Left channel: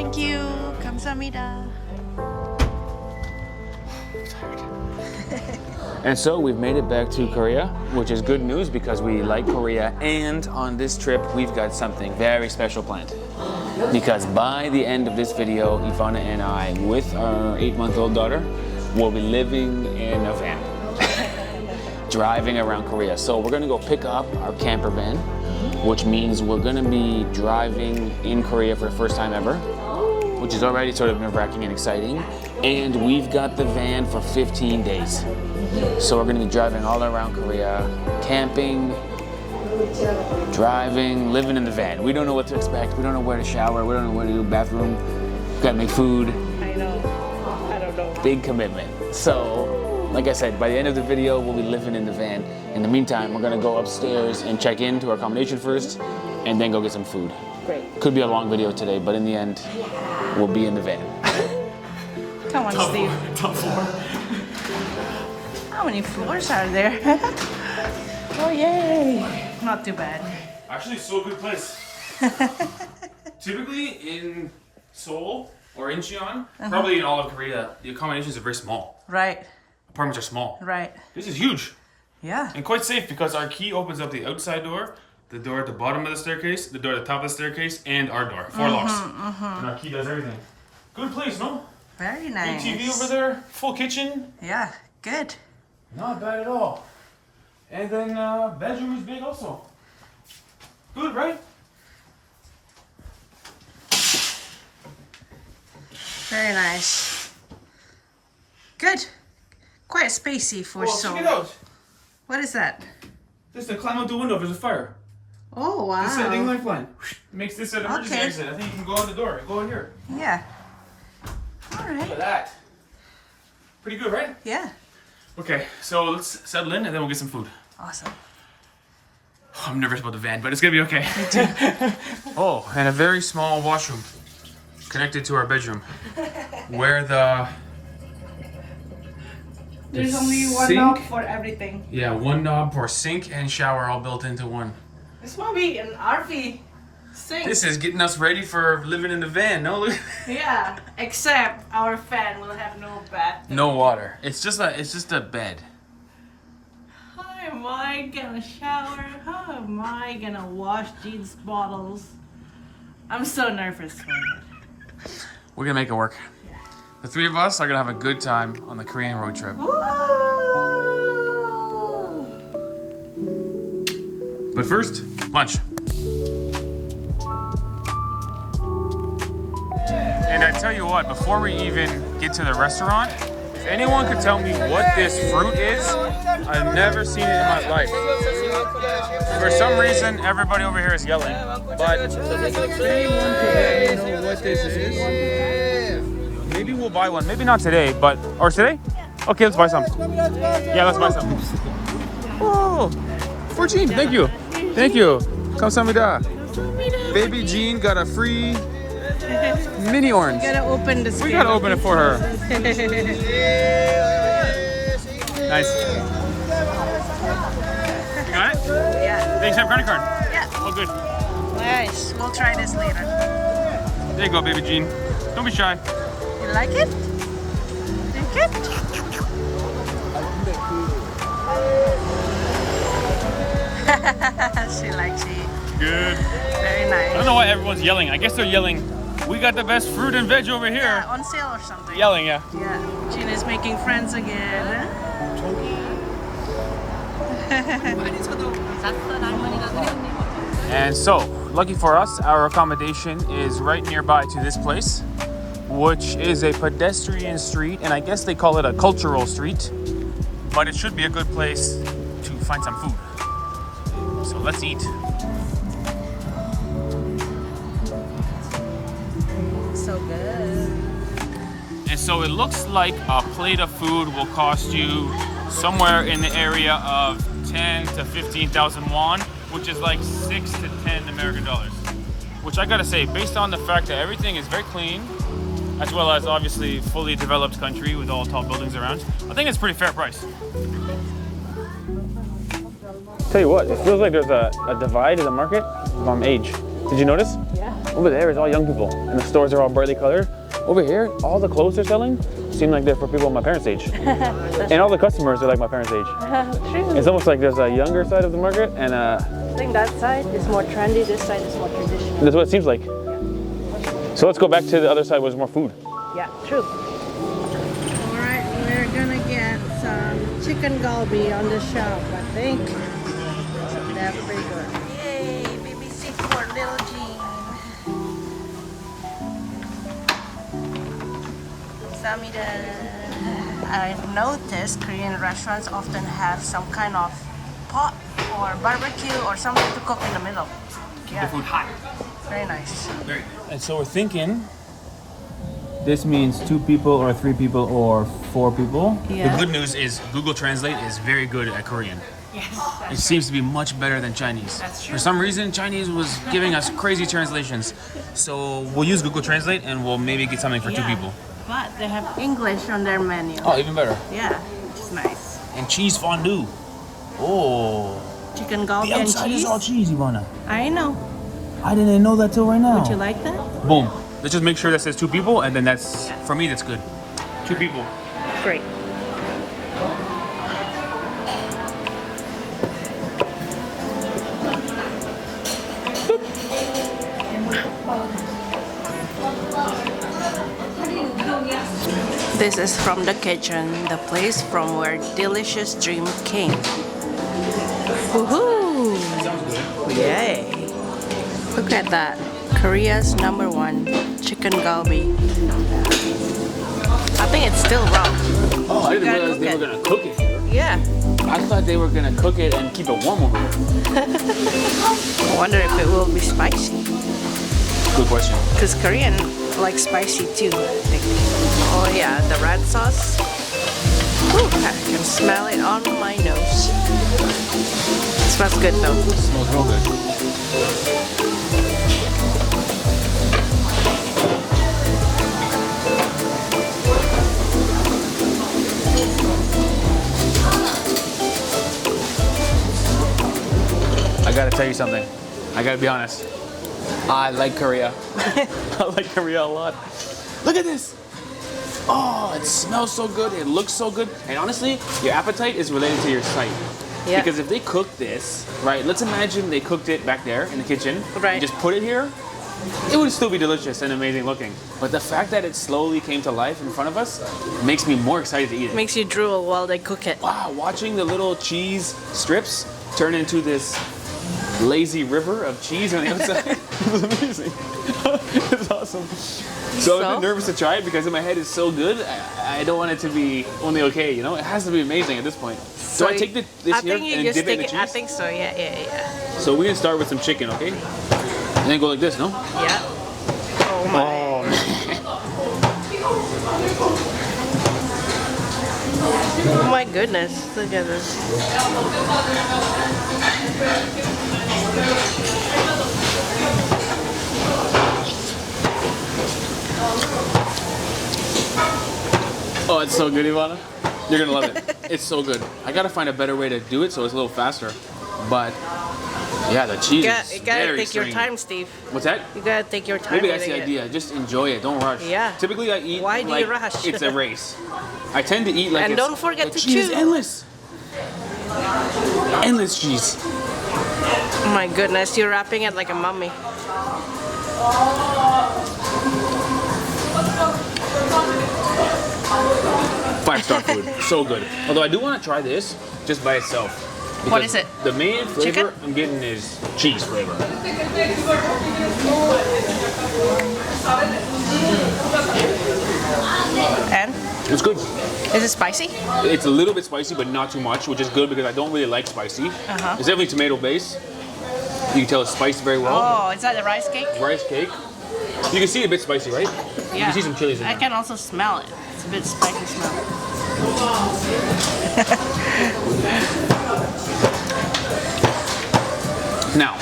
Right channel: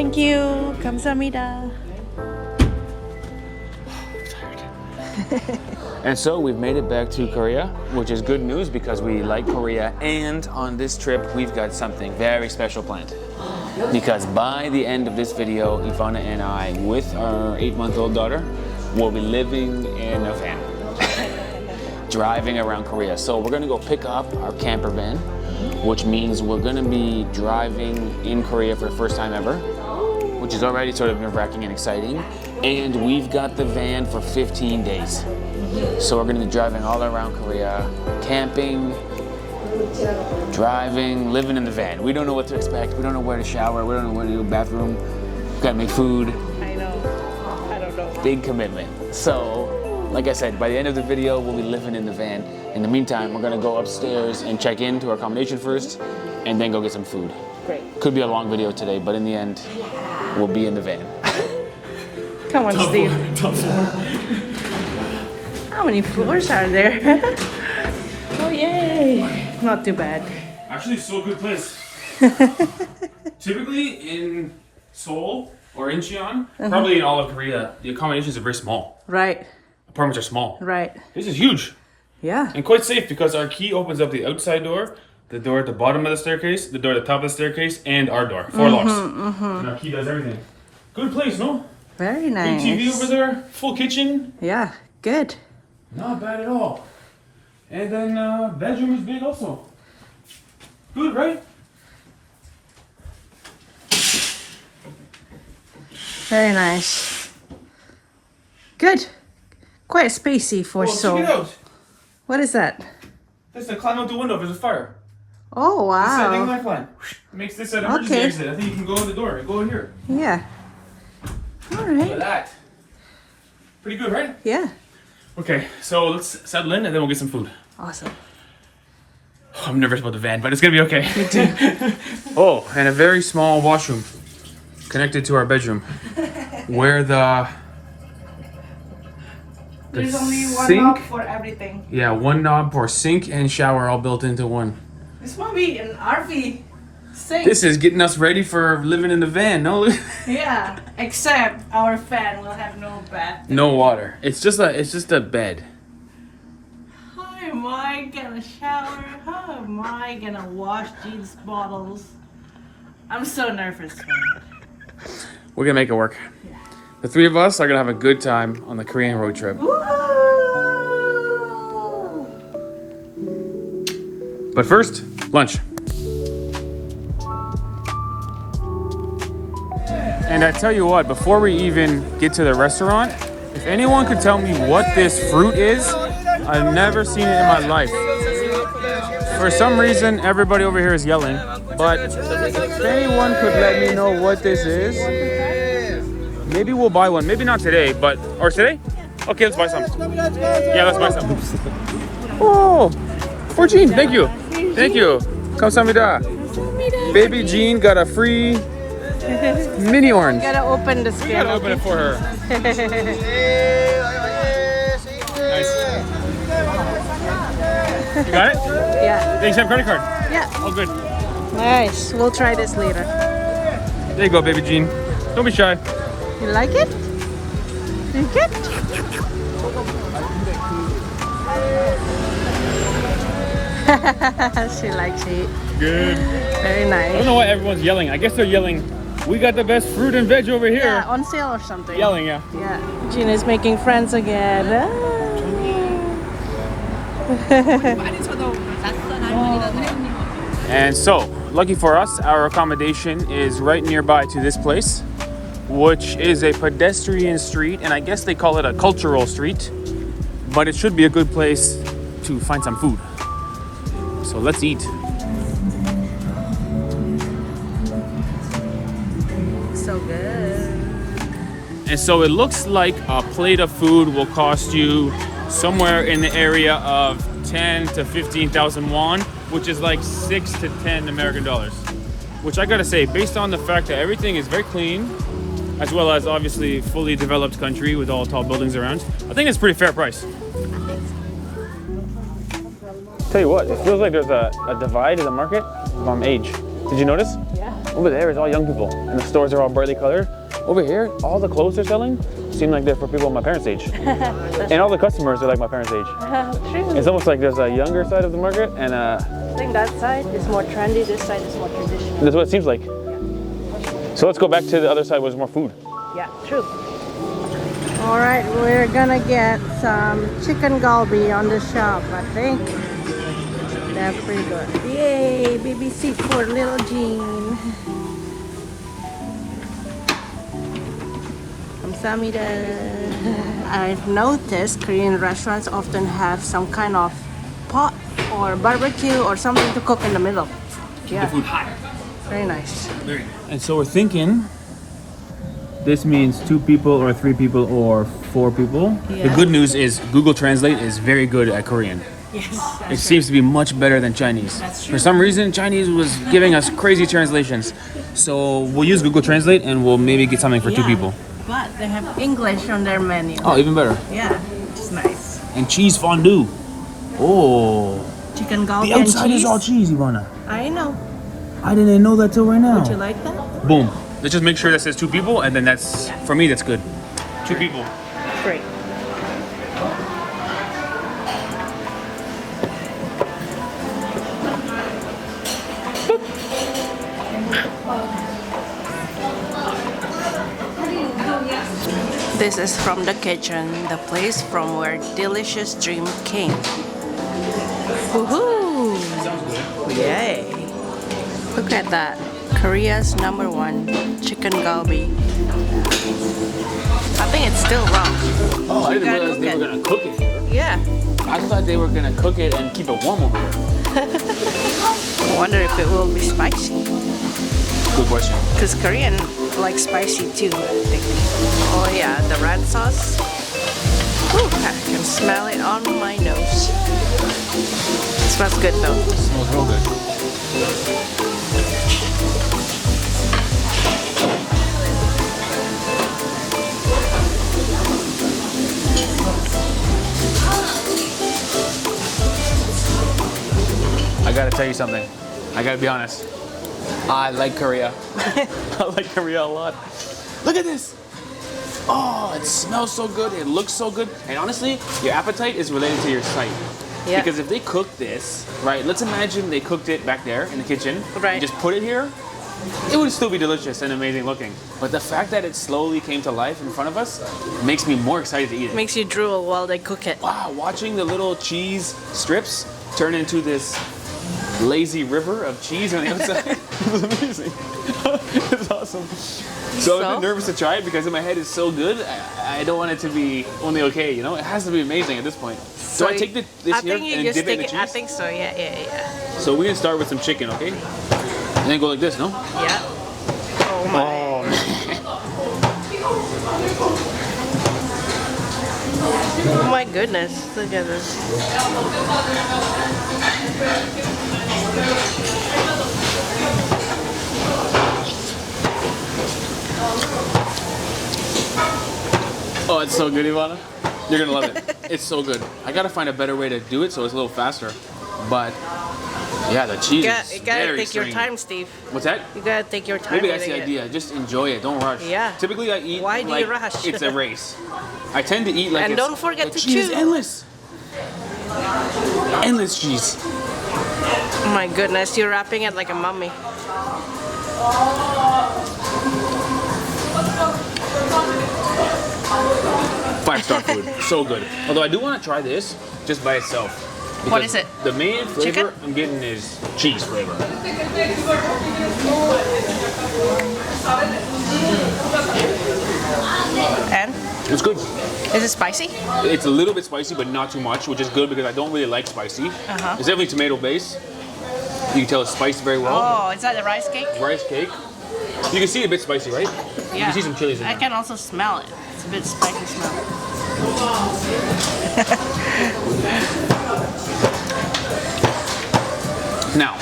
Thank you. 감사합니다. And so we've made it back to Korea, which is good news because we like Korea. And on this trip, we've got something very special planned. Because by the end of this video, Ivana and I, with our 8-month-old daughter, will be living in a van, driving around Korea. So we're gonna go pick up our camper van, which means we're gonna be driving in Korea for the first time ever, which is already sort of nerve-wracking and exciting. And we've got the van for 15 days. So we're gonna be driving all around Korea, camping, driving, living in the van. We don't know what to expect. We don't know where to shower. We don't know where to do bathroom. We've gotta make food. I know. I don't know. Big commitment. So, like I said, by the end of the video, we'll be living in the van. In the meantime, we're gonna go upstairs and check into our accommodation first, and then go get some food. Great. Could be a long video today, but in the end, we'll be in the van. Come on, Steve. How many floors are there? Oh, yay. Not too bad. Actually, so good place. Typically in Seoul or Incheon, probably in all of Korea, the accommodations are very small. Right. Apartments are small. Right. This is huge Yeah. and quite safe because our key opens up the outside door, the door at the bottom of the staircase, the door at the top of the staircase, and our door. 4 locks. And our key does everything. Good place, no? Very Big nice. TV over there, full kitchen. Yeah, good. Not bad at all. And then bedroom is big also. Good, right? Very nice. Good. Quite spacey for Check it Seoul. out. What is that? Just to climb out the window if there's a fire. Oh, This setting wow. lifeline. Makes this an emergency Okay. exit. I think you can go in the door. Go in here. Yeah. All Look at right. that. Pretty good, right? Yeah. Okay, so let's settle in and then we'll get some food. Awesome. I'm nervous about the van, but it's gonna be okay. Me too. Oh, and a very small washroom connected to our bedroom, where There's only one sink? knob for everything. one knob for sink and shower all built into one. This will be an RV sink. This is getting us ready for living in the van. No, Yeah, except our fan will have no bath. no water. It's just a bed. How am I gonna shower? How am I gonna wash these bottles? I'm so nervous for it. We're gonna make it work. The 3 of us are gonna have a good time on the Korean road trip. But first, lunch. And I tell you what, before we even get to the restaurant, if anyone could tell me what this fruit is, I've never seen it in my life. For some reason, everybody over here is yelling, but if anyone could let me know what this is, maybe we'll buy one. Maybe not today, or today? Okay, let's buy some. Yeah, let's buy some. Oh, for Jean, thank you. Thank you. 감사합니다. Baby Jean got a free mini orange. Gotta open the We scale. gotta open it for her. Nice. You got it? Yeah. They accept credit card. Yeah. Oh, good. Nice. We'll try this later. There you go, baby Jean. Don't be shy. You like it? Like it? She likes it. Good. Very I nice. don't know why everyone's yelling. I guess they're yelling, we got the best fruit and veg over here. Yeah, on sale or something. Yelling, yeah. Yeah. Gina's making friends again. And so, lucky for us, our accommodation is right nearby to this place, which is a pedestrian street, and I guess they call it a cultural street, but it should be a good place to find some food. So let's eat. So good. And so it looks like a plate of food will cost you somewhere in the area of 10 to 15,000 won, which is like 6 to 10 American dollars. Which I gotta say, based on the fact that everything is very clean, as well as obviously fully developed country with all tall buildings around, I think it's a pretty fair price. Tell you what, it feels like there's a divide in the market from age. Did you notice? Yeah. Over there is all young people, and the stores are all brightly colored. Over here, all the clothes they're selling seem like they're for people my parents' age. And all the customers are like my parents' age. True. It's almost like there's a younger side of the market, and I think that side is more trendy, this side is more traditional. that's what it seems like. So let's go back to the other side where there's more food. Yeah, true. Alright, we're gonna get some chicken galbi on the shop, I think. That's pretty good. Yay, baby seat for little Jean. Kamsahamnida. I've noticed Korean restaurants often have some kind of pot or barbecue or something to cook in the middle. Yeah. The food hot. Very nice. And so we're thinking this means 2 people or 3 people or 4 people. Yeah. The good news is Google Translate is very good at Korean. Yes. It seems to be much better than Chinese. That's true. For some reason, Chinese was giving us crazy translations. So we'll use Google Translate and we'll maybe get something for 2 people. But they have English on their menu. Oh, even better. Yeah, it's nice. And cheese fondue. Oh. Chicken galbi The and outside cheese. is all cheese, Ivana. I know. I didn't know that till right now. Would you like that? Boom. Let's just make sure that says 2 people, and then that's, for me, that's good. 2 people. Great. This is from the kitchen, the place from where delicious dream came. Woohoo! Sounds good. Yay! Look at that. Korea's #1 chicken galbi. I think it's still raw. Oh, I didn't Gotta realize cook they it. were gonna cook it here. Yeah. I thought they were gonna cook it and keep it warm over here. I wonder if it will be spicy. Good question. Because Korean like spicy too, I think. Oh yeah, the red sauce. Ooh, I can smell it on my nose. It smells good though. It smells real good. I gotta tell you something. I gotta be honest. I like Korea. I like Korea a lot. Look at this. Oh, it smells so good. It looks so good. And honestly, your appetite is related to your sight. Yeah. Because if they cook this, right, let's imagine they cooked it back there in the kitchen. Right. And just put it here. It would still be delicious and amazing looking. But the fact that it slowly came to life in front of us makes me more excited to eat it. Makes you drool while they cook it. Wow, watching the little cheese strips turn into this lazy river of cheese on the outside is amazing. It's awesome. So I'm a bit nervous to try it because in my head it's so good. I don't want it to be only okay, you know? It has to be amazing at this point. So I take this I here think you and just dip it in take the it. I cheese? think so, yeah. So we're gonna start with some chicken, okay? And then go like this, no? Yeah. Oh my. Oh, Oh my goodness. Look at this. Oh, it's so good, Ivana. You're gonna love it. It's so good. I gotta find a better way to do it so it's a little faster. But yeah, the cheese is You gotta very take your stringy. time, Steve. What's that? You gotta take your time. Maybe that's eating the it. idea. Just enjoy it. Don't rush. Yeah. Typically, I eat. Why do you like rush? It's a race. I tend to eat like. And it's, don't forget the to cheese is chew. endless. Endless cheese. Oh my goodness, you're wrapping it like a mummy. 5-star food. So good. Although I do want to try this just by itself. What Because is it? The main flavor Chicken? I'm getting is cheese flavor. And? It's good. Is it spicy? It's a little bit spicy, but not too much, which is good because I don't really like spicy. Uh-huh. It's definitely tomato based. You can tell it's spiced very well. Oh, is that the rice cake? Rice cake. You can see a bit spicy, right? You can see some chilies in I there. can also smell it. It's a bit spicy smell. Now,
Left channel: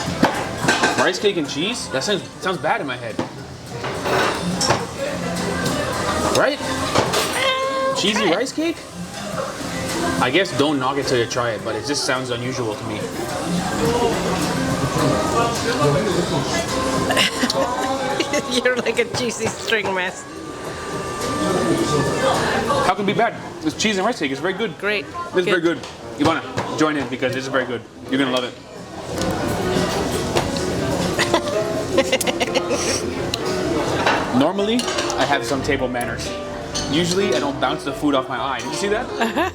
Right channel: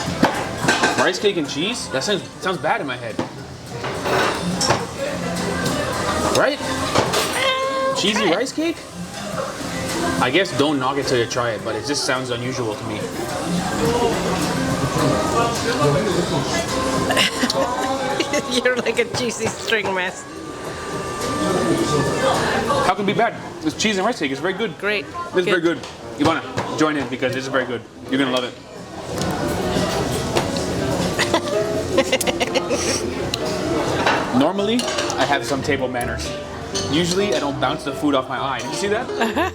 rice cake and cheese, that sounds bad in my head. Right? Cheesy Okay. rice cake? I guess don't knock it till you try it, but it just sounds unusual to me. You're like a cheesy string mess. How can it be bad? This cheese and rice cake is very good. Great. This is very good. You wanna join in because this is very good. You're gonna love it. Normally, I have some table manners. Usually, I don't bounce the food off my eye. Did you see that?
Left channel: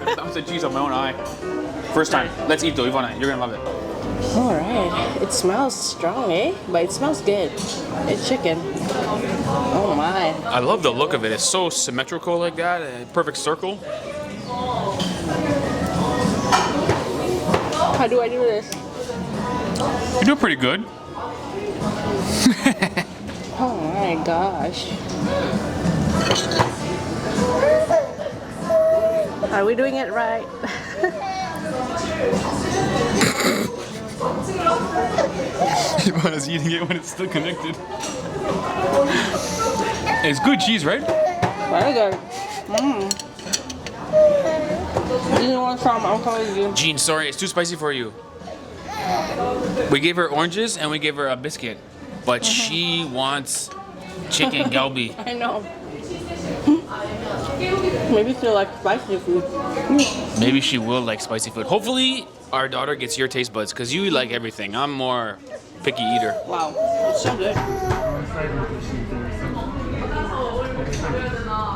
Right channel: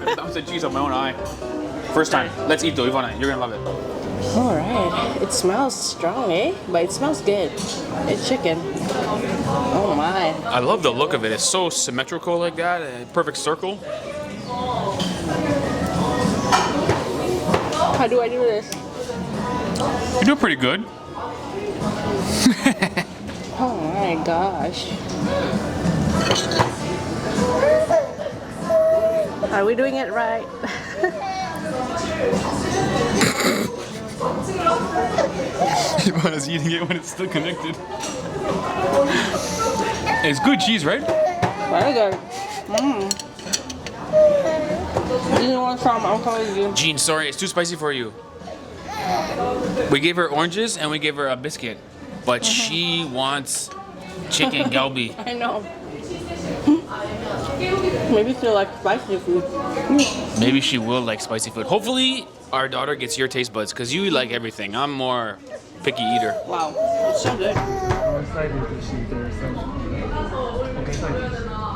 I bounced the cheese off my own eye. First time. Let's eat though, Ivana. You're gonna love it. All right. It smells strong, eh? But it smells good. It's chicken. Oh my. I love the look of it. It's so symmetrical like that. A perfect circle. How do I do this? You do pretty good. Oh my gosh. Are we doing it right? Ivana's eating it when it's still connected. It's good cheese, right? Very good. You want some? I'll tell you. Jean, sorry, it's too spicy for you. We gave her oranges and we gave her a biscuit, but she wants chicken galbi. I know. Maybe she'll like spicy food. Maybe she will like spicy food. Hopefully, our daughter gets your taste buds because you like everything. I'm more picky eater. Wow, it's so good.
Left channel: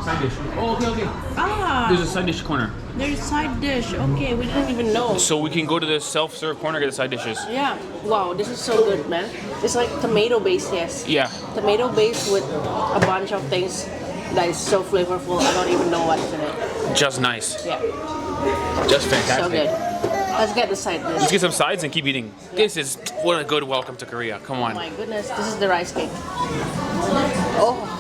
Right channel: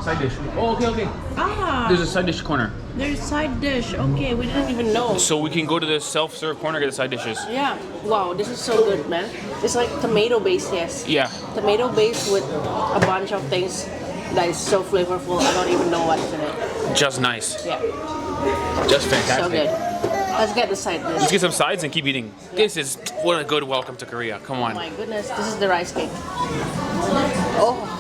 Side dish. Oh, okay. Ah, There's a side dish corner. there's side dish. Okay, we didn't even know. So we can go to the self-serve corner, get the side dishes. Yeah. Wow, this is so good, man. It's like tomato based, yes. Yeah. Tomato based with a bunch of things that is so flavorful. I don't even know what's in it. Just nice. Yeah, Just fantastic. so good. Let's get the side dish. Let's get some sides and keep eating. This is what a good welcome to Korea. Come Oh on. my goodness, this is the rice cake. Oh,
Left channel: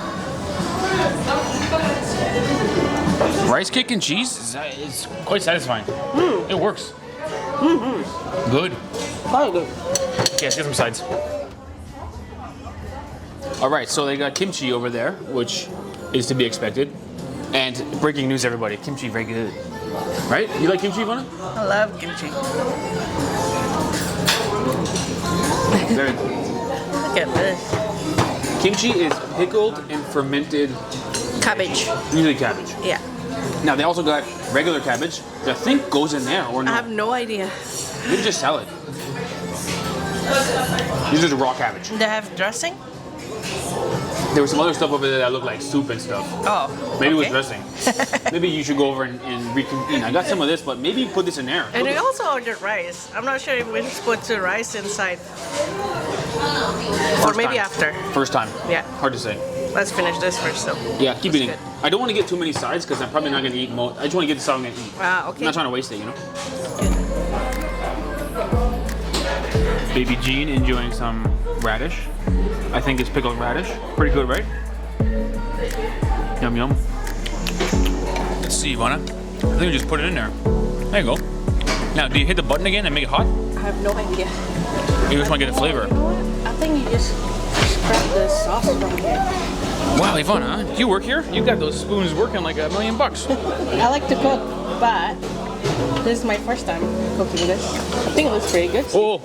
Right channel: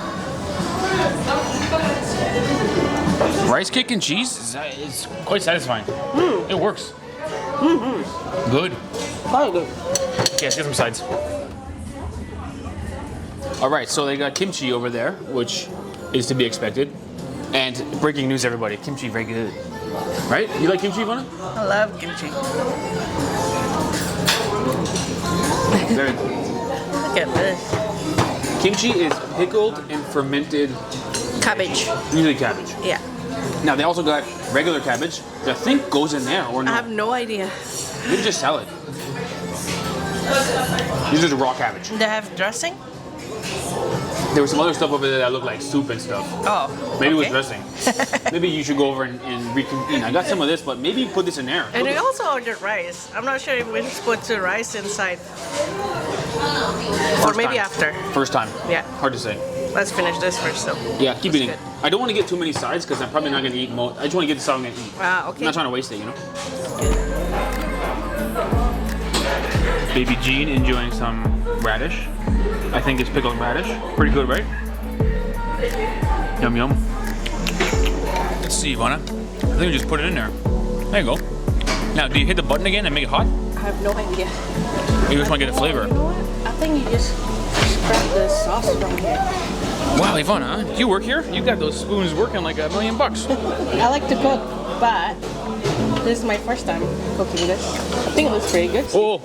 Rice cake and cheese is quite satisfying. It works. Good. very good. Okay, let's get some sides. All right, so they got kimchi over there, which is to be expected. And breaking news, everybody, kimchi very good. Right? You like kimchi, Ivana? I love kimchi. Very good. Look at this. Kimchi is pickled and fermented, Cabbage. usually cabbage. Yeah. Now they also got regular cabbage that I think goes in there or I no. have no idea. Maybe just salad. This is raw cabbage. They have dressing? There was some other stuff over there that looked like soup and stuff. Oh. Maybe it was okay. dressing. Maybe you should go over and reconvene. I got some of this, but maybe put this in there. And we also ordered rice. I'm not sure if we should put the rice inside. Or First maybe time. after. First time. Yeah. Hard to say. Let's finish this first though. Yeah, keep eating. good. I don't want to get too many sides because I'm probably not going to eat most. I just want to get this out and eat. Ah, okay. I'm not trying to waste it, you know? Baby Jean enjoying some radish. I think it's pickled radish. Pretty good, right? Yum yum. Let's see, Ivana. I think we just put it in there. There you go. Now, do you hit the button again and make it hot? I have no idea. You just want to get a flavor. You know what? I think you just scrap the sauce from here. Wow, Ivana, you work here? You got those spoons working like $1 million. I like to cook, but this is my first time cooking this. I think it looks pretty good. Oh,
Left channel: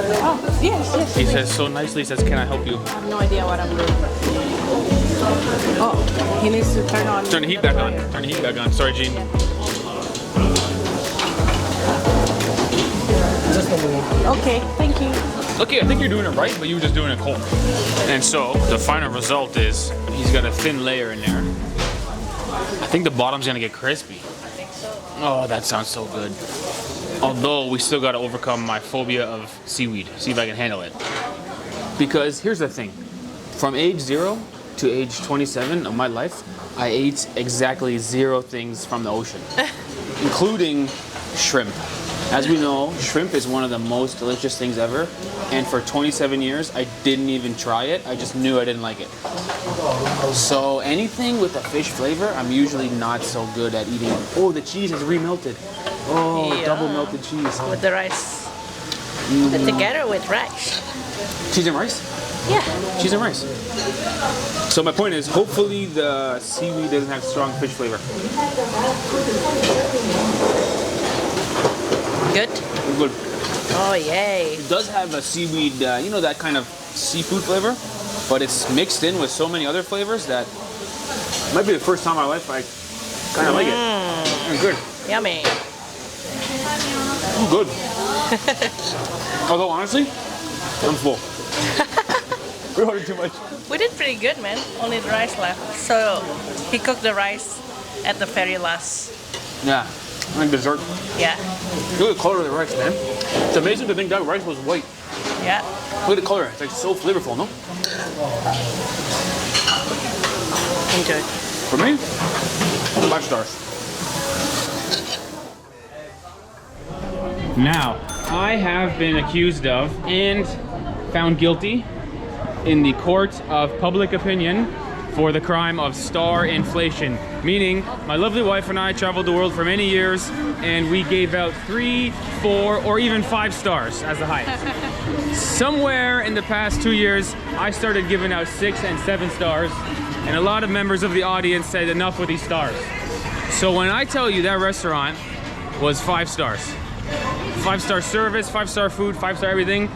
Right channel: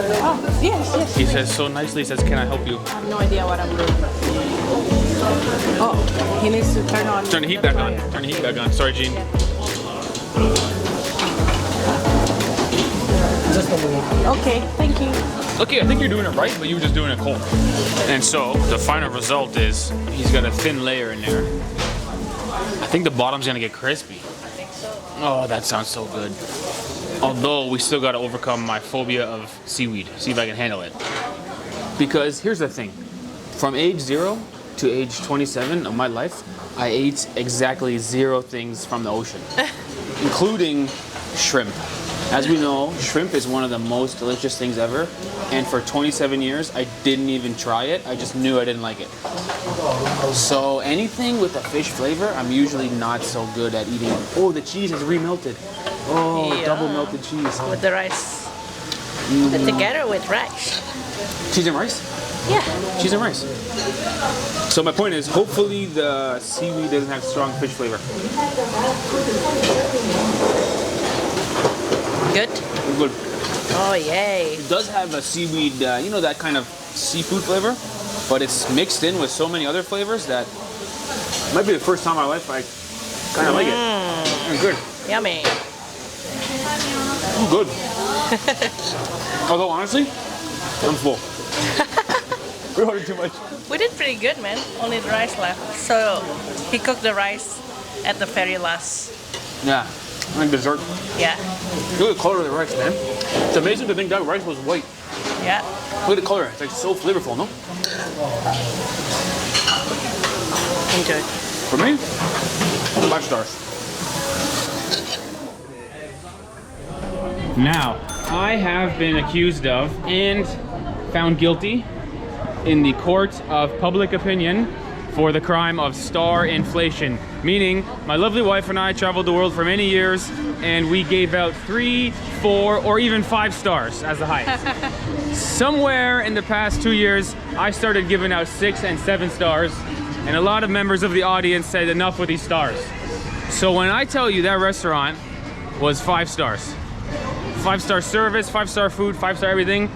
Oh, yes. he please. says so nicely, he says, can I help you? I have no idea what I'm doing. Oh, he needs to turn on. Turn the heat back on. Turn the heat back on. Sorry, Jean. Okay, thank you. Okay, I think you're doing it right, but you were just doing it cold. And so, the final result is he's got a thin layer in there. I think the bottom's gonna get crispy. Oh, that sounds so good. Although, we still gotta overcome my phobia of seaweed. See if I can handle it. Because here's the thing. From age 0 to age 27 of my life, I ate exactly 0 things from the ocean. Including shrimp. As we know, shrimp is one of the most delicious things ever. And for 27 years, I didn't even try it. I just knew I didn't like it. So anything with a fish flavor, I'm usually not so good at eating. Oh, the cheese is remelted. Oh, Yeah. double melted cheese. With the rice. Together with rice. Cheese and rice? Yeah. Cheese and rice. So my point is, hopefully the seaweed doesn't have strong fish flavor. Good? Good. Oh, yay. It does have a seaweed, you know, that kind of seafood flavor. but it's mixed in with so many other flavors that it might be the first time in my life I kind of like it. It's good. Yummy. Good. Although honestly, I'm full. We ordered too much. We did pretty good, man. Only the rice left. So he cooked the rice at the very last. Yeah, like dessert. Yeah. Look at the color of the rice, man. It's amazing to think that rice was white. Yeah. Look at the color. It's like so flavorful, no? Enjoy. For me, 5 stars. Now, I have been accused of and found guilty in the court of public opinion for the crime of star inflation. Meaning, my lovely wife and I traveled the world for many years and we gave out 3, 4, or even 5 stars as the highest. Somewhere in the past 2 years, I started giving out 6 and 7 stars, and a lot of members of the audience said enough with these stars. So when I tell you that restaurant was 5 stars, 5-star service, 5-star food, 5-star everything,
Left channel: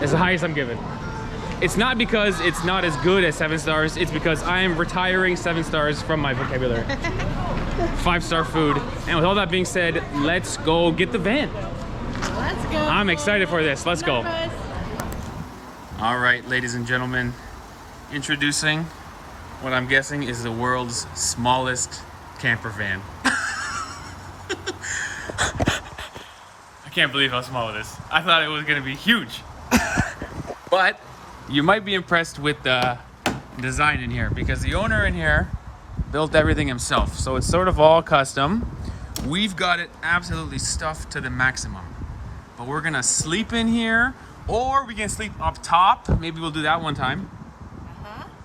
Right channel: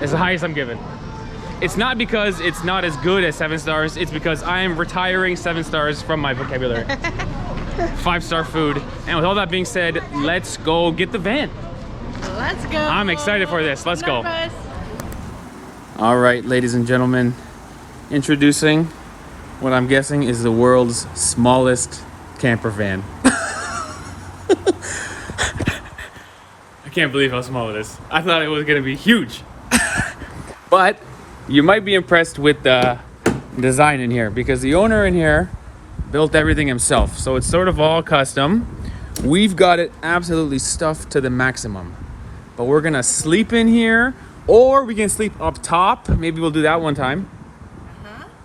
is the highest I'm giving. It's not because it's not as good as 7 stars, it's because I am retiring 7 stars from my vocabulary. 5-star food. And with all that being said, let's go get the van. Let's go. I'm excited for this. Let's go. All right, ladies and gentlemen, introducing what I'm guessing is the world's smallest camper van. I can't believe how small it is. I thought it was gonna be huge. But you might be impressed with the design in here because the owner in here built everything himself. So it's sort of all custom. We've got it absolutely stuffed to the maximum. But we're gonna sleep in here, or we can sleep up top. Maybe we'll do that one time.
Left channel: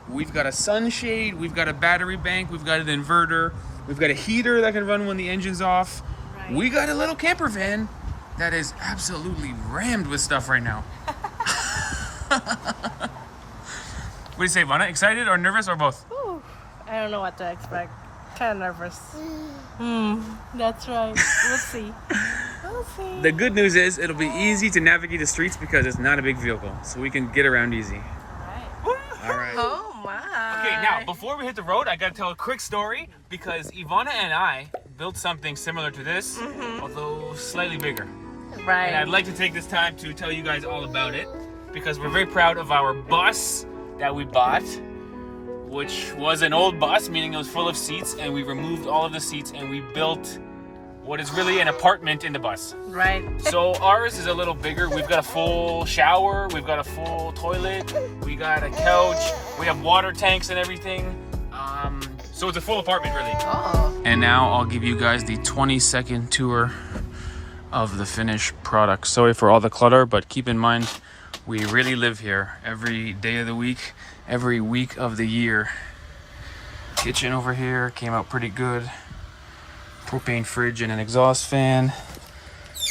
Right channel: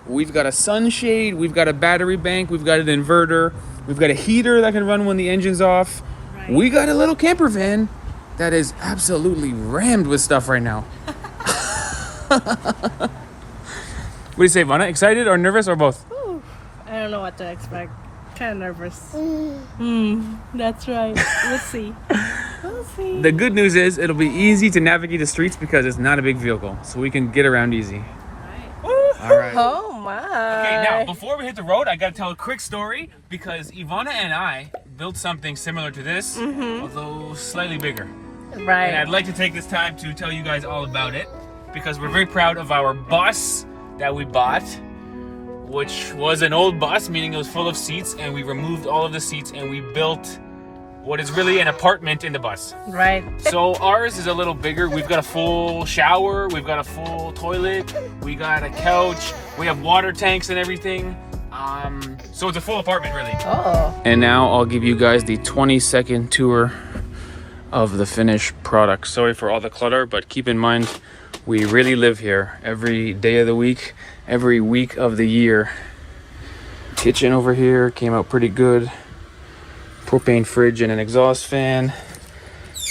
We've got a sunshade, we've got a battery bank, we've got an inverter, we've got a heater that can run when the engine's off. We got a little camper van that is absolutely rammed with stuff right now. What do you say, Vanna? Excited or nervous or both? Ooh, I don't know what to expect. Kind of nervous. That's right. We'll see. We'll see. The good news is it'll be easy to navigate the streets because it's not a big vehicle, so we can get around easy. All right. Oh my. Okay, now before we hit the road, I gotta tell a quick story because Ivana and I built something similar to this, although slightly bigger. Right. And I'd like to take this time to tell you guys all about it because we're very proud of our bus that we bought, which was an old bus, meaning it was full of seats, and we removed all of the seats and we built what is really an apartment in the bus. Right. So ours is a little bigger. We've got a full shower, we've got a full toilet, we got a couch, we have water tanks and everything. So it's a full apartment really. Oh. And now I'll give you guys the 20-second tour of the finished product. Sorry for all the clutter, but keep in mind, we really live here every day of the week, every week of the year. Kitchen over here came out pretty good. Propane fridge and an exhaust fan.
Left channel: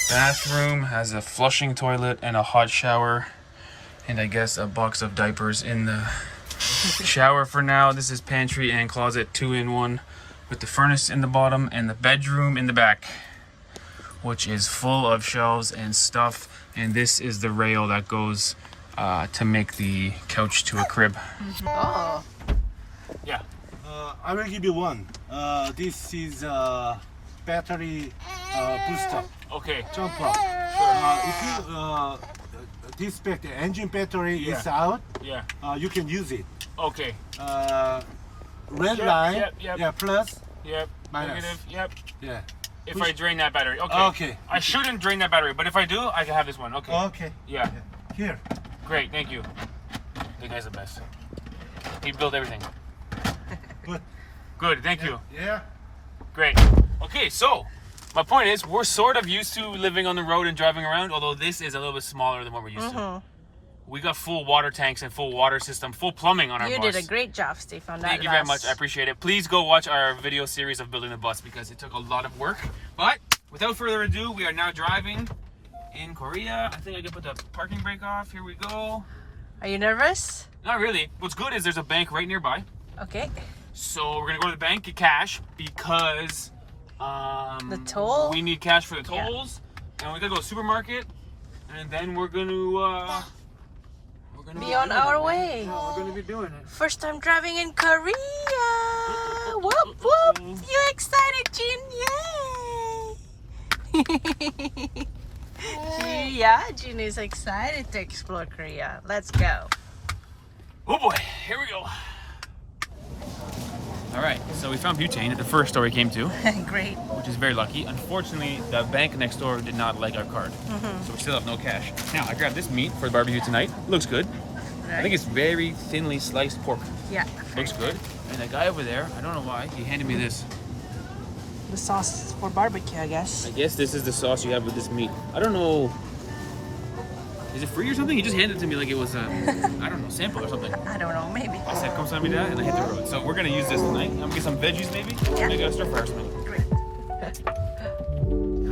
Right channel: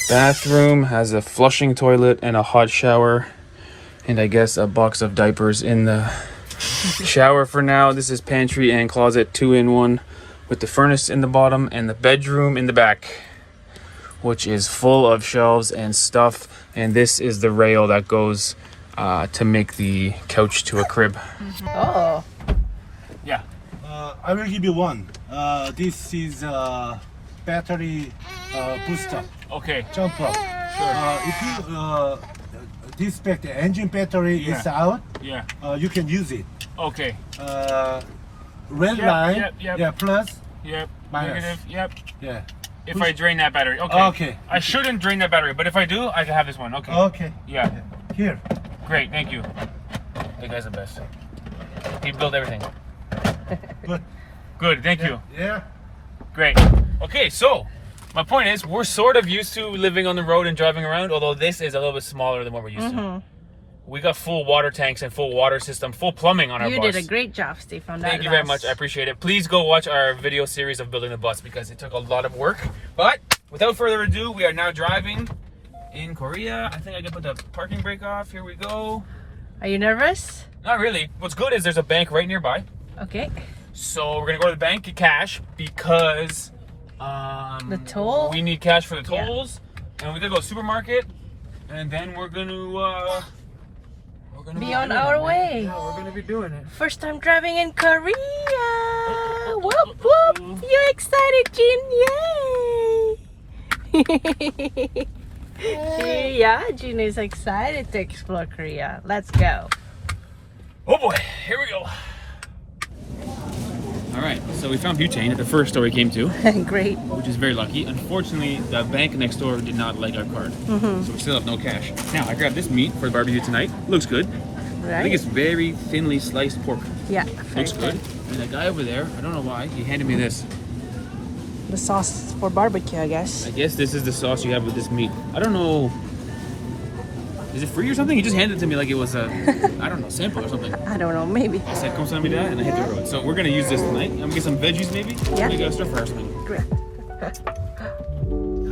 Bathroom has a flushing toilet and a hot shower. And I guess a box of diapers in the shower for now. This is pantry and closet 2-in-1 with the furnace in the bottom and the bedroom in the back, which is full of shelves and stuff. And this is the rail that goes to make the couch to a crib. Oh. Yeah. I will give you one. This is battery booster. Okay. Jump up. If you disconnect the engine battery is out, Yeah. you can use it. Okay. Red Yep, line, yep. yeah, plus, Yep. Minus. Negative. Yep. yeah. If I drain that battery. Okay. Okay. I shouldn't drain that battery, but if I do, I can have this one. Okay. Okay. Yeah. Here. Great. Thank you. That guy's the best. He built everything. Good. Good. Thank you. Yeah. Great. Okay, so my point is we're sort of used to living on the road and driving around, although this is a little bit smaller than what we're used to. We got full water tanks and full water system, full plumbing on our bus. You did a great job, Steve, on that. Thank you very much. I appreciate it. Please go watch our video series of building the bus because it took a lot of work. But without further ado, we are now driving in Korea. I think I can put the parking brake off. Here we go. Are you nervous? Not really. What's good is there's a bank right nearby. Okay. So we're gonna go to the bank, get cash because The toll? we need cash for the tolls, and we gotta go to the supermarket, and then we're gonna be on our way. Yeah, we're gonna be doing it. First time driving in Korea. Whoop whoop! You excited, Jin? Yay! Yeah, Jin is excited to explore Korea. Let's go. Oh boy, here we go. All right, so we found butane at the first store we came to, Great. which is very lucky. Unfortunately, the bank next door did not like our card, so we still have no cash. Now, I grabbed this meat for the barbecue tonight. Looks good. I think it's very thinly sliced pork. Yeah, Looks good. And the guy over there, I don't know why, he handed me this. The sauce for barbecue, I guess. I guess this is the sauce you have with this meat. I don't know. Is it free or something? He just handed it to me like it was a, I don't know, sample or something. I don't know, maybe. I said, come send me that, and I hit the road. So we're gonna use this tonight. I'm gonna get some veggies maybe. Yeah. Maybe a stir fry or something. Great.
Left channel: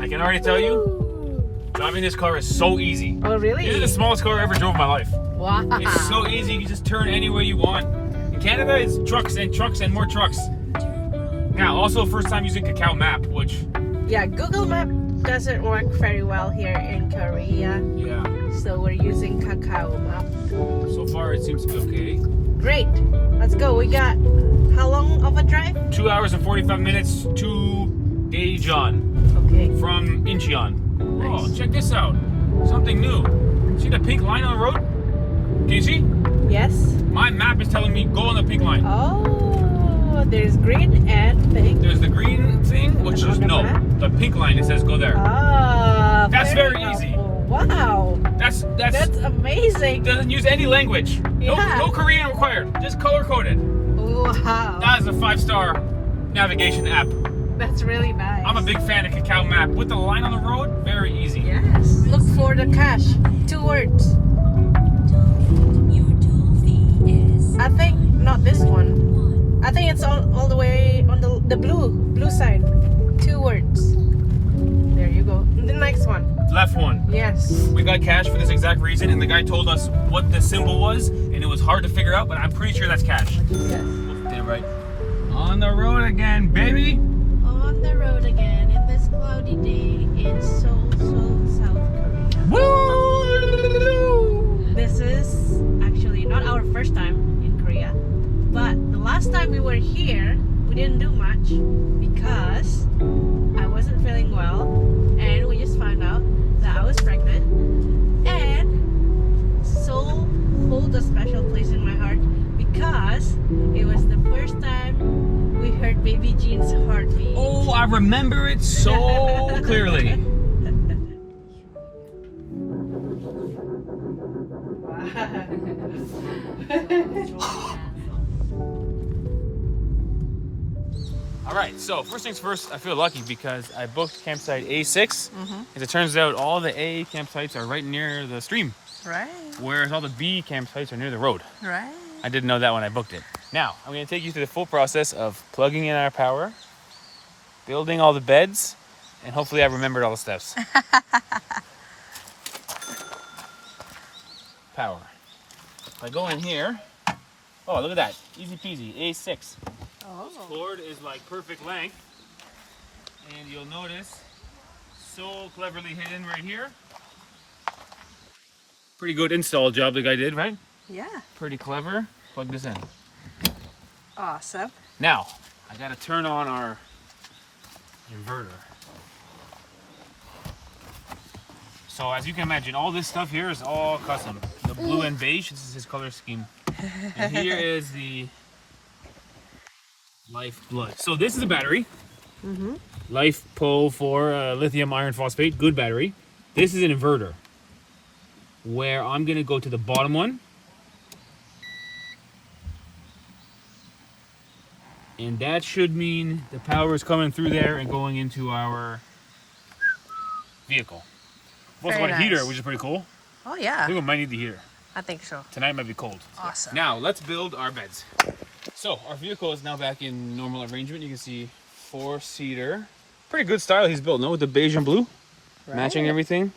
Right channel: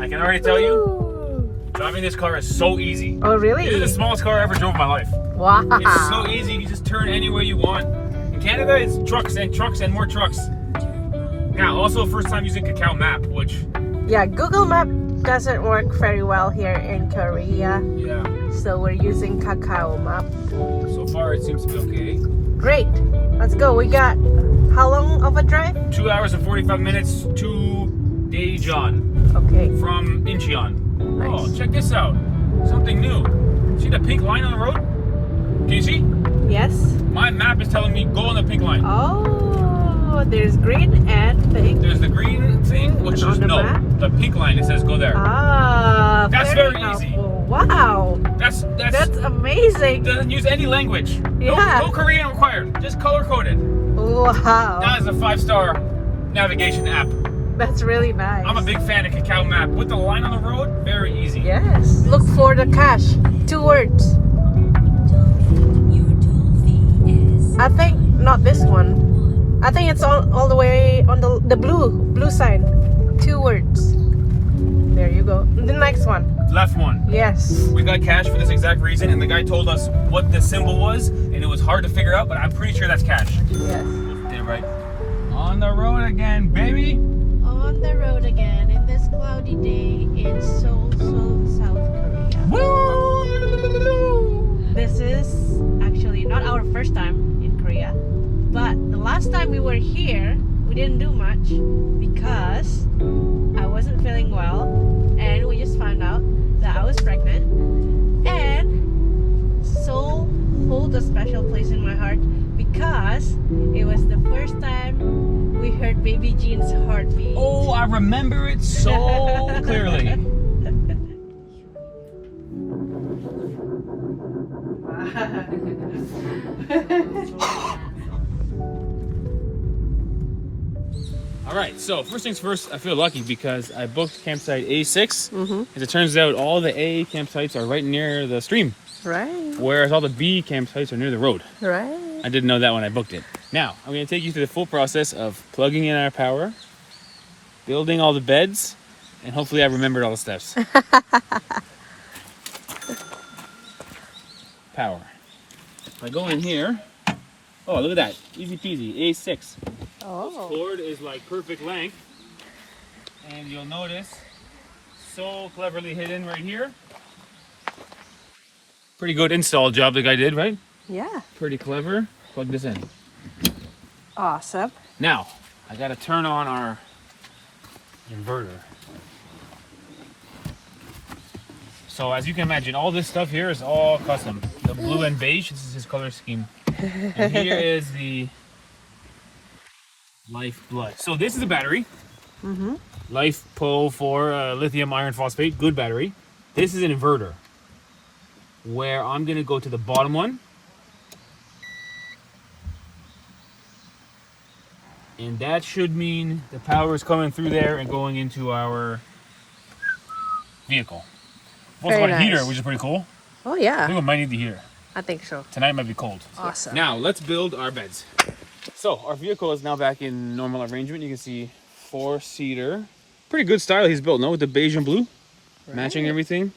I can already tell you, driving this car is so easy. Oh, really? This is the smallest car I ever drove in my life. Wow. It's so easy. You can just turn anywhere you want. In Canada, it's trucks and trucks and more trucks. Now, also first time using Kakao Map, which... Yeah, Google Map doesn't work very well here in Korea. Yeah. So we're using Kakao Map. So far, it seems to be okay. Great. Let's go. We got how long of a drive? 2 hours and 45 minutes to Daejeon Okay. from Incheon. Nice. Oh, check this out. Something new. See the pink line on the road? Can you see? Yes. My map is telling me go on the pink line. Oh, there's green and pink. There's the green thing, which On is the no. map? The pink line, it says go there. Ah, That's very easy. helpful. Wow. That's Amazing. doesn't use any language. Yeah. No Korean required. Just color coded. Wow. That is a 5-star navigation app. That's really nice. I'm a big fan of Kakao Map. With the line on the road, very easy. Yes. Look for the cash. 2 words. I think not this one. I think it's all the way on the blue side. 2 words. There you go. The next one. Left one. Yes. We got cash for this exact reason, and the guy told us what the symbol was, and it was hard to figure out, but I'm pretty sure that's cash. Yeah, right. On the road again, baby. On the road again in this cloudy day in Seoul, South Korea. Woo! This is actually not our first time in Korea, but the last time we were here, we didn't do much because I wasn't feeling well, and we just found out that I was pregnant. And Seoul holds a special place in my heart because it was the first time we heard baby Jean's heartbeat. Oh, I remember it so clearly. All right, so first things first, I feel lucky because I booked campsite A6. As it turns out, all the A campsites are right near the stream, Right. whereas all the B campsites are near the road. Right. I didn't know that when I booked it. Now, I'm going to take you through the full process of plugging in our power, building all the beds, and hopefully I remembered all the steps. Power. If I go in here, oh, look at that. Easy peasy, A6. Oh. Cord is like perfect length, and you'll notice so cleverly hidden right here. Pretty good install job the guy did, right? Yeah. Pretty clever. Plug this in. Awesome. Now, I gotta turn on our inverter. So as you can imagine, all this stuff here is all custom. The blue and beige, this is his color scheme. And here is the lifeblood. So this is a battery. Life Pro 4 lithium iron phosphate, good battery. This is an inverter, where I'm gonna go to the bottom one. And that should mean the power is coming through there and going into our vehicle. We also Very got a heater, nice. which is pretty cool. Oh I yeah. think we might need the heater. I think so. Tonight might be cold. Awesome. Now, let's build our beds. So, our vehicle is now back in normal arrangement. You can see 4-seater. Pretty good style he's built, no? With the beige and blue. Matching everything.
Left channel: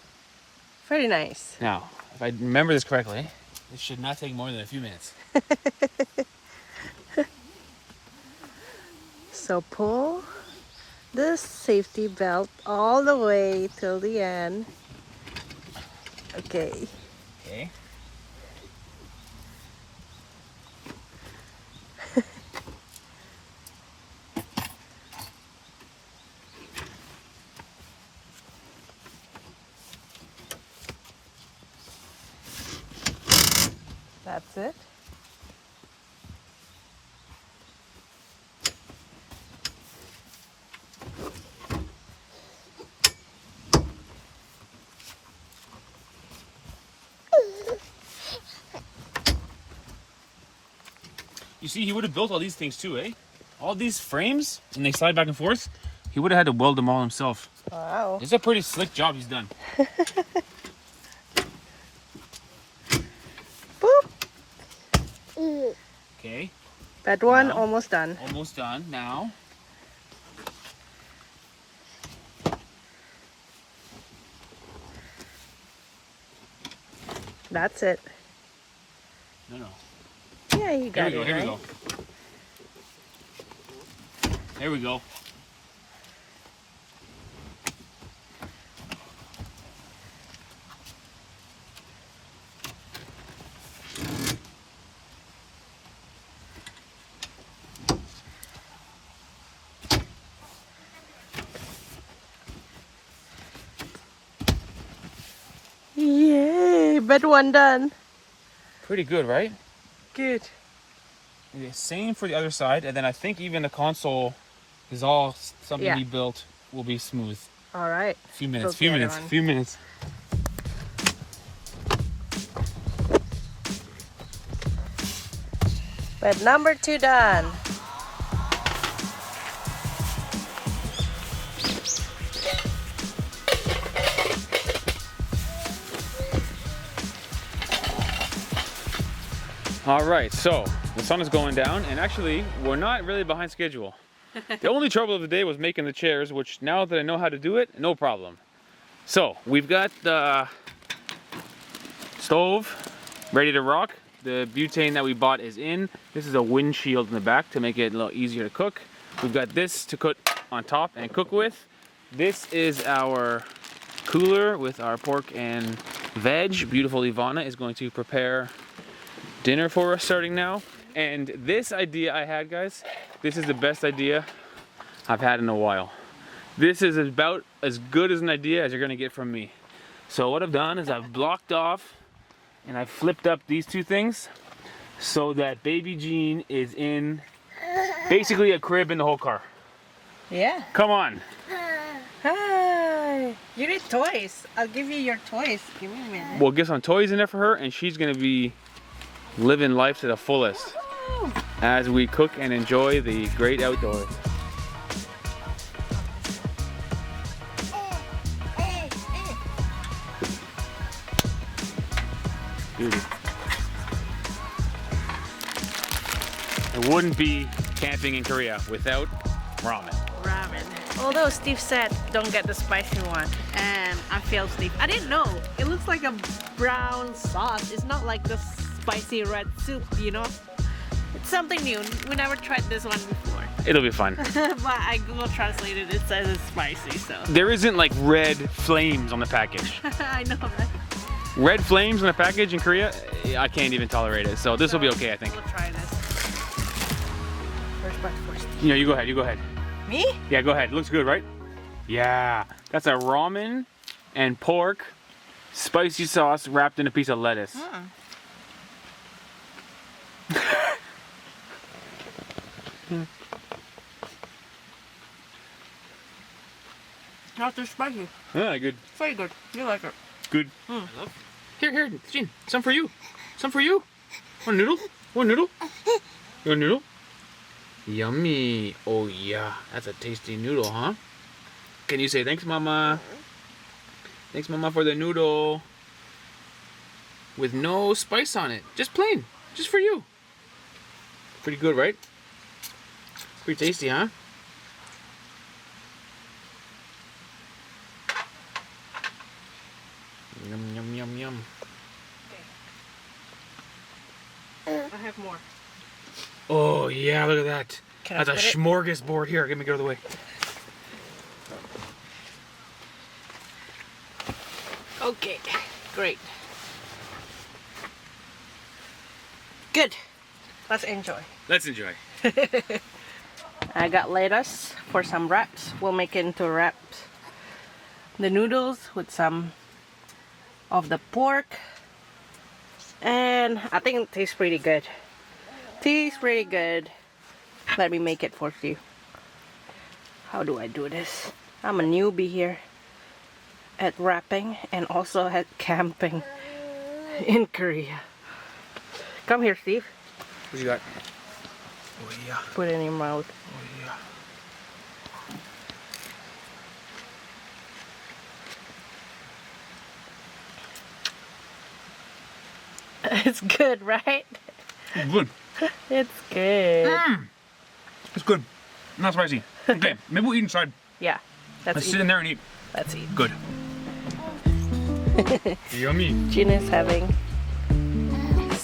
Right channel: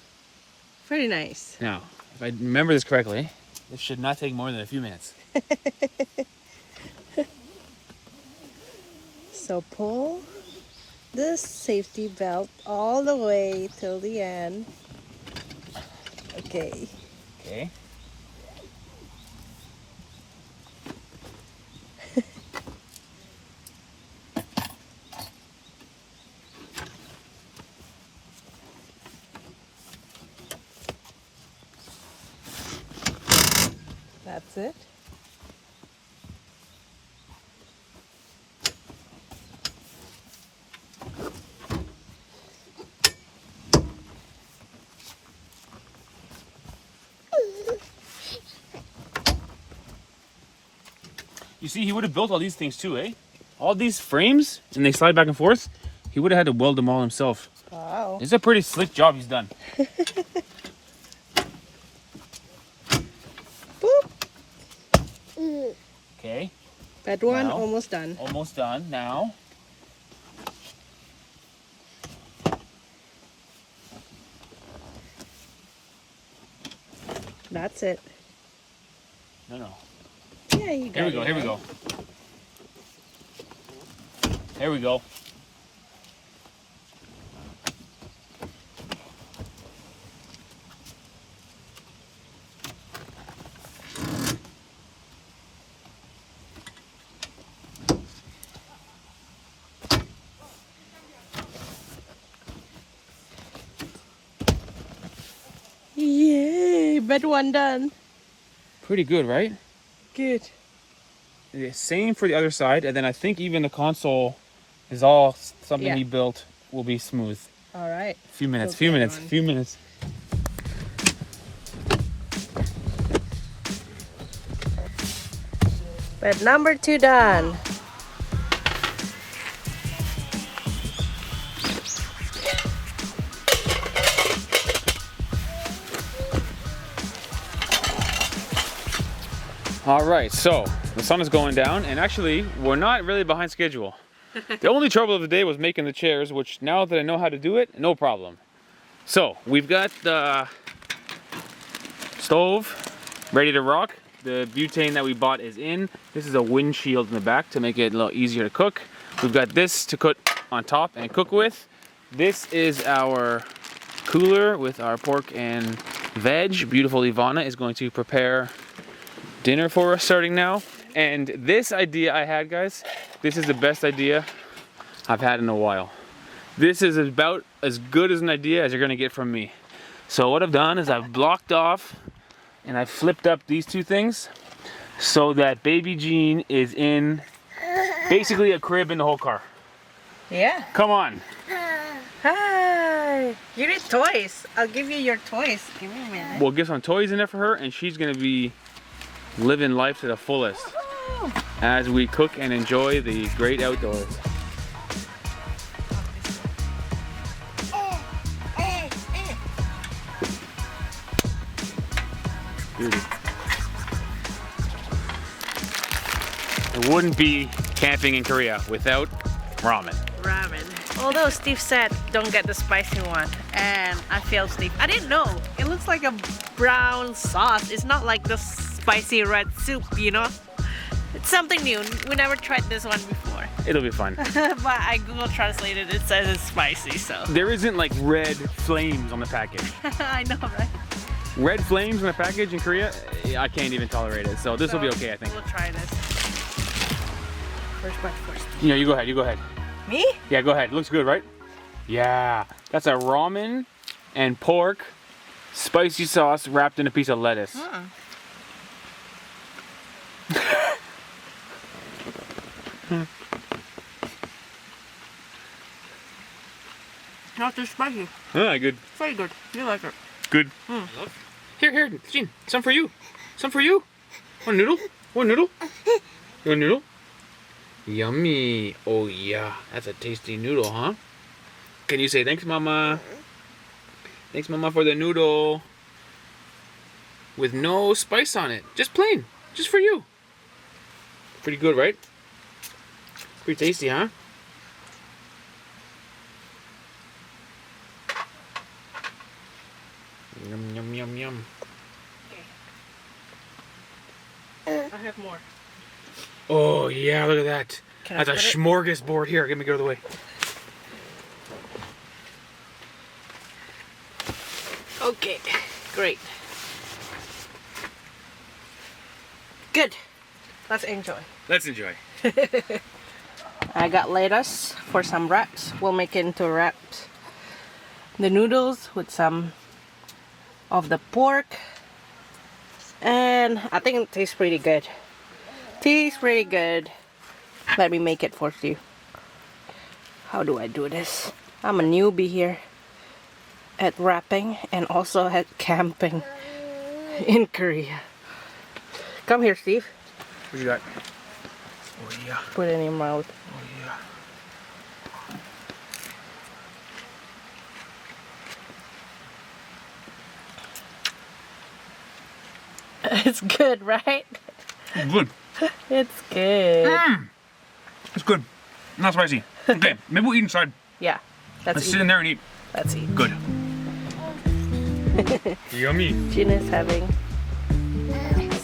Very nice. Now, if I remember this correctly, it should not take more than a few minutes. So pull the safety belt all the way till the end. Okay. Okay. That's it. You see, he would have built all these things too, eh? All these frames, and they slide back and forth. He would have had to weld them all himself. Wow. It's a pretty slick job he's done. Boop. Okay, That one Now. almost done. almost done now. That's it. No. Yeah, you got Here we go, it. here we right? go. There we go. Yay! Bed one done. Pretty good, right? Good. The same for the other side, and then I think even the console is all something Yeah. he built will be smooth. All right. Few minutes, Built few the other minutes, one. few minutes. Bed number 2 done. All right, so the sun is going down, and actually, we're not really behind schedule. The only trouble of the day was making the chairs, which now that I know how to do it, no problem. So we've got the stove ready to rock. The butane that we bought is in. This is a windshield in the back to make it a little easier to cook. We've got this to put on top and cook with. This is our cooler with our pork and veg. Beautiful Ivana is going to prepare dinner for us starting now. And this idea I had, guys, this is the best idea I've had in a while. This is about as good as an idea as you're gonna get from me. So what I've done is I've blocked off and I've flipped up these two things so that baby Jean is in basically a crib in the whole car. Yeah. Come on. Hi. You need toys. I'll give you your toys. Give me a minute. We'll get some toys in there for her, and she's gonna be living life to the fullest as we cook and enjoy the great outdoors. Beauty. It wouldn't be camping in Korea without ramen. Ramen. Although Steve said don't get the spicy one, and I failed Steve. I didn't know. It looks like a brown sauce. It's not like the spicy red soup, you know? It's something new. We never tried this one before. It'll be fun. But I Google translated it says it's spicy, so. There isn't like red flames on the package. I know, right? Red flames on the package in Korea, I can't even tolerate it. So this will be okay, I think. We'll try this. First bite first. Yeah, you go ahead, you go ahead. Me? Yeah, go ahead. Looks good, right? Yeah. That's a ramen and pork spicy sauce wrapped in a piece of lettuce. Not too spicy. Ah, good. Very good. You like it. Good. Here, Jean. Some for you. Some for you. One noodle. One noodle. You want a noodle? Yummy. Oh, yeah. That's a tasty noodle, huh? Can you say thanks, Mama? Thanks, Mama, for the noodle. With no spice on it. Just plain. Just for you. Pretty good, right? Pretty tasty, huh? Yum, yum, yum, yum. I have more. Oh, yeah, look at that. Can I That's a put it? smorgasbord. Here, let me go out of the way. Okay, great. Good. Let's enjoy. Let's enjoy. I got lettuce for some wraps. We'll make it into wraps. The noodles with some of the pork And I think it tastes pretty good. Tastes pretty good. Let me make it for you. How do I do this? I'm a newbie here at wrapping and also at camping in Korea. Come here, Steve. What you got? Oh yeah. Put it in your mouth. Oh yeah. It's good, right? It's good. It's good. It's good. Not spicy. Okay, maybe we'll eat inside. Yeah. Let's sit in there and eat. Let's eat. Good. Yummy. Gina's having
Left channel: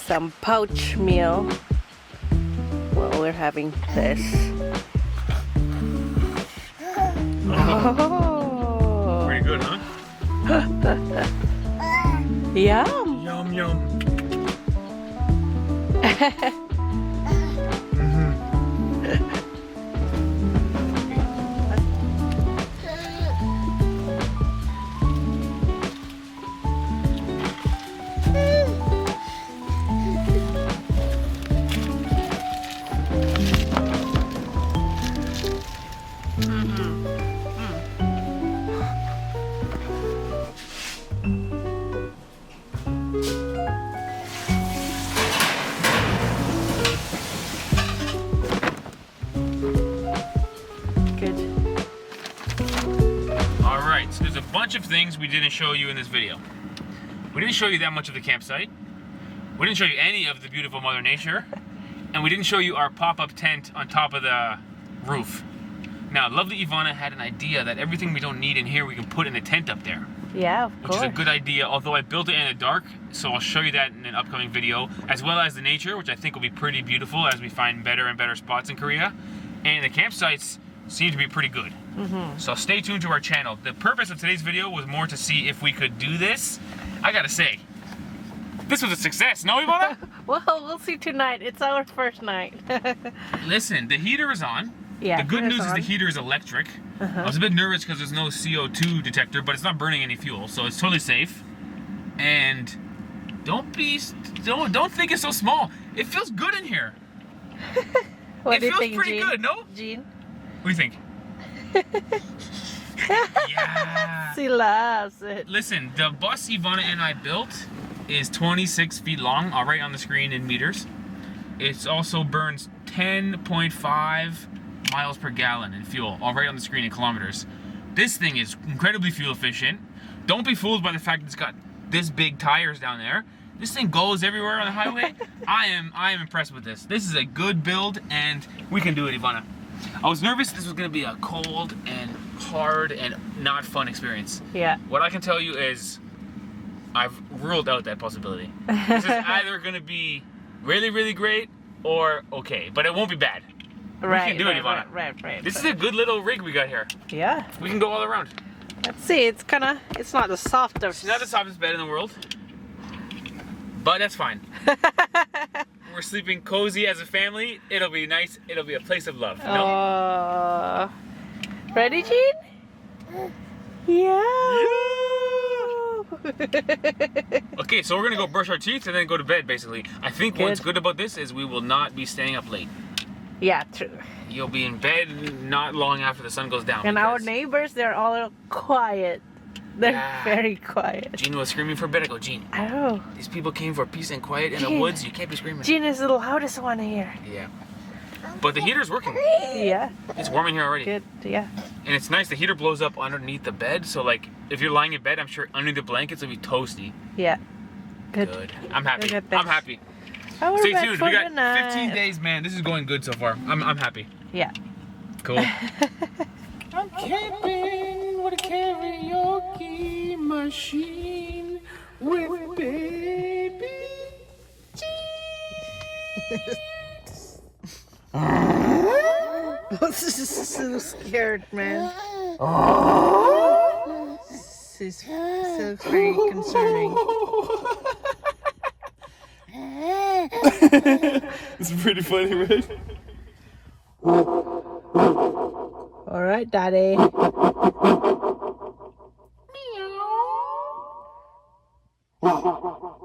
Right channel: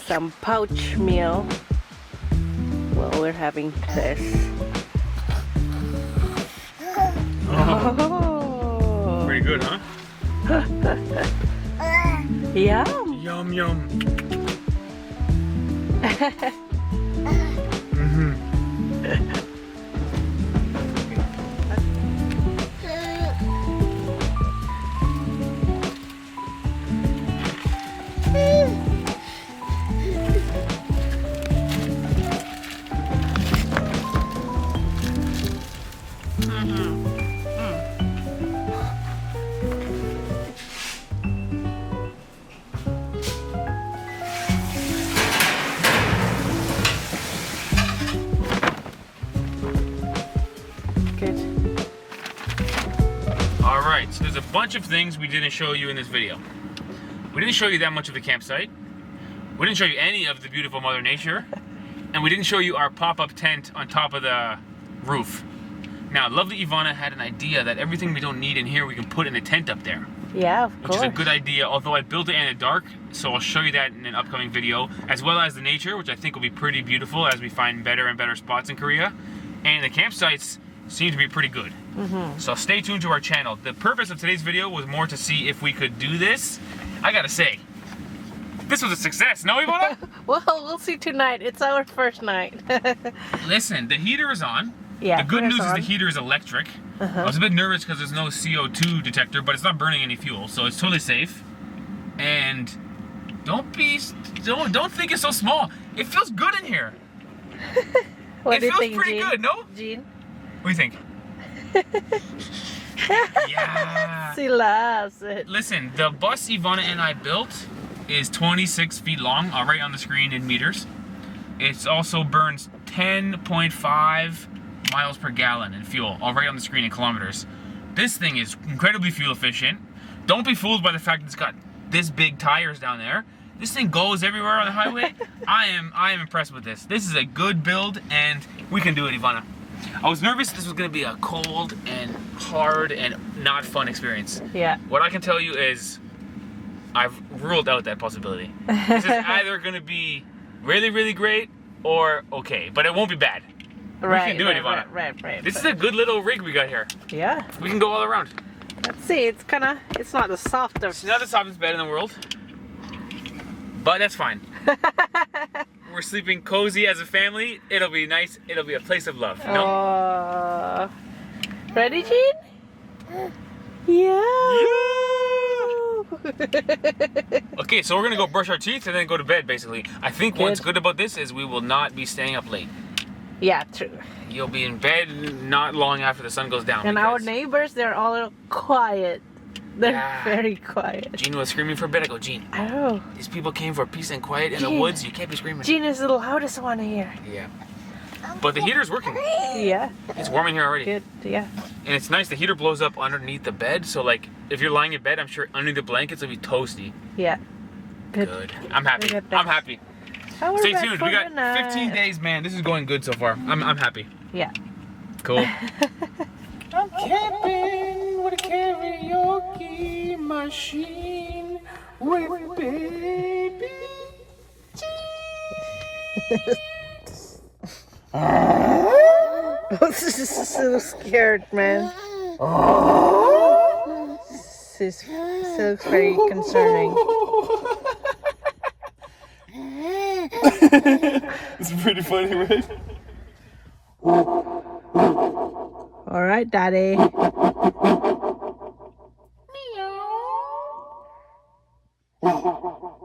some pouch meal while we're having this. Oh. Pretty good, huh? Yum. Yum yum. Good. Alright, so there's a bunch of things we didn't show you in this video. We didn't show you that much of the campsite. We didn't show you any of the beautiful Mother Nature. And we didn't show you our pop-up tent on top of the roof. Now, lovely Ivana had an idea that everything we don't need in here we can put in a tent up there. Yeah, of Which course. is a good idea, although I built it in the dark, so I'll show you that in an upcoming video, as well as the nature, which I think will be pretty beautiful as we find better and better spots in Korea. And the campsites seem to be pretty good. So stay tuned to our channel. The purpose of today's video was more to see if we could do this. I gotta say, this was a success, no, Ivana? Well, we'll see tonight. It's our first night. Listen, the heater is on. Yeah, the good heater's news is on. the heater is electric. I was a bit nervous because there's no CO2 detector, but it's not burning any fuel, so it's totally safe. And don't think it's so small. It feels good in here. What It do you feels think, pretty Jean? good, no? Jean? What do you think? Yeah. She loves it. Listen, the bus Ivana and I built is 26 feet long. I'll write on the screen in meters. It also burns 10.5 miles per gallon in fuel. I'll write on the screen in kilometers. This thing is incredibly fuel efficient. Don't be fooled by the fact that it's got this big tires down there. This thing goes everywhere on the highway. I am impressed with this. This is a good build, and we can do it, Ivana. I was nervous this was gonna be a cold and hard and not fun experience. Yeah. What I can tell you is I've ruled out that possibility. This is either gonna be really, really great or okay, but it won't be bad. Right, we can do it, Ivana. Right. This is a good little rig we got here. Yeah. We can go all around. Let's see. It's not the softest. It's not the softest bed in the world, but that's fine. We're sleeping cozy as a family. It'll be nice. It'll be a place of love. You know? Ready, Jean? Yeah. Okay, so we're gonna go brush our teeth and then go to bed, basically. I think what's good about this is we will not be staying up late. Yeah, true. You'll be in bed not long after the sun goes down. And our because neighbors, they're all quiet. They're Yeah. very quiet. Jean was screaming for bed. I go, Jean, I know. these people came for peace and quiet in the Jean. woods. You can't be screaming. Jean is the loudest one here. Yeah. But the heater's working. Yeah. It's warm in here already. Good. Yeah. And it's nice. The heater blows up underneath the bed. So, like, if you're lying in bed, I'm sure underneath the blankets it'll be toasty. Yeah. Good. Good. I'm happy. Good. I'm happy. How was Stay that tuned. for We got the night? 15 days, man. This is going good so far. I'm happy. Yeah. Cool. I'm camping with a karaoke machine with baby So scared, man. This is so very concerning. It's pretty funny, right? All right, Daddy. Meow.